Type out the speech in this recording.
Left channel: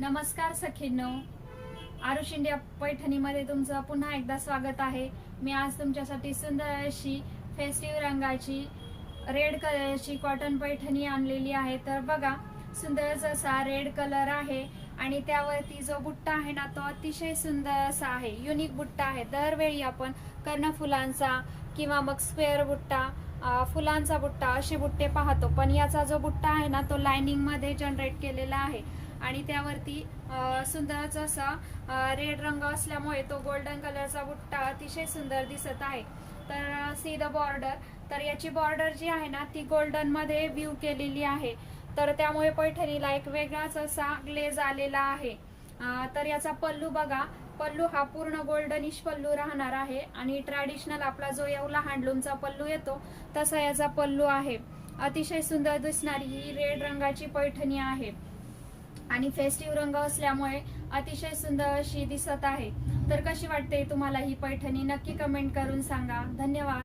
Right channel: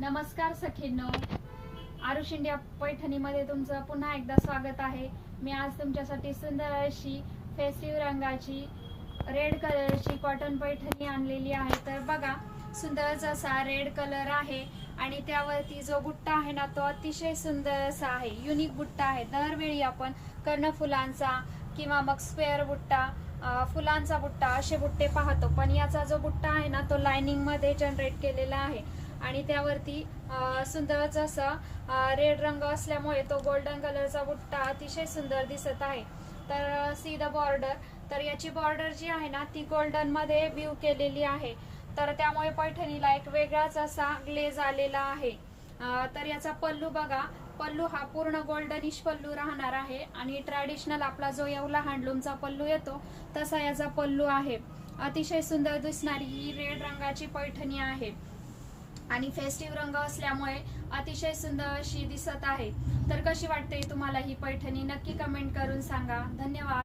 नमस्कार सखींनो, आरुष इंडिया पैठणीमध्ये तुमचं पुन्हा एकदा स्वागत आहे। मी आज तुमच्यासाठी सुंदर अशी फेस्टिव्ह रंगाची रेड कलरची कॉटन पैठणी आणलेली आहे। तर बघा, सुंदर असा रेड कलर आहे आणि त्यावरती जो बुट्टा आहे ना तो अतिशय सुंदर असा आहे, युनिक बुट्टा आहे। दरवेळी आपण कर्णफुलांचा किंवा मग स्क्वेअर बुट्टा, फुलांचा बुट्टा असे बुट्टे पाहतो, पण याचा जो बुट्टा आहे ना तो लाइनिंग मध्ये जनरेट केलेला आहे आणि त्यावरती सुंदर असा रेड रंग असल्यामुळे तो गोल्डन कलरचा बुट्टा अतिशय सुंदर दिसत आहे। तर सी द बॉर्डर, तर याची बॉर्डर जी आहे ना ती गोल्डन मध्ये व्ह्यू केलेली आहे, तर त्यामुळे पैठणीला एक वेगळाच असा ग्लेज आलेला आहे। तर याचा पल्लू बघा, पल्लू हा पूर्ण गोल्डनिश पल्लू राहणार आहे आणि ट्रॅडिशनल आपला जो येवला हँडलूमचा पल्लू येतो तसा याचा पल्लू आहे। अतिशय सुंदर दिसणारी ही रेड रंगाची पैठणी आहे आणि फेस्टिव्ह रंग असल्यामुळे अतिशय सुंदर अशी दिसत आहे। तर कशी वाटते तुम्हाला ही पैठणी, नक्की कमेंट करून सांगा। धन्यवाद।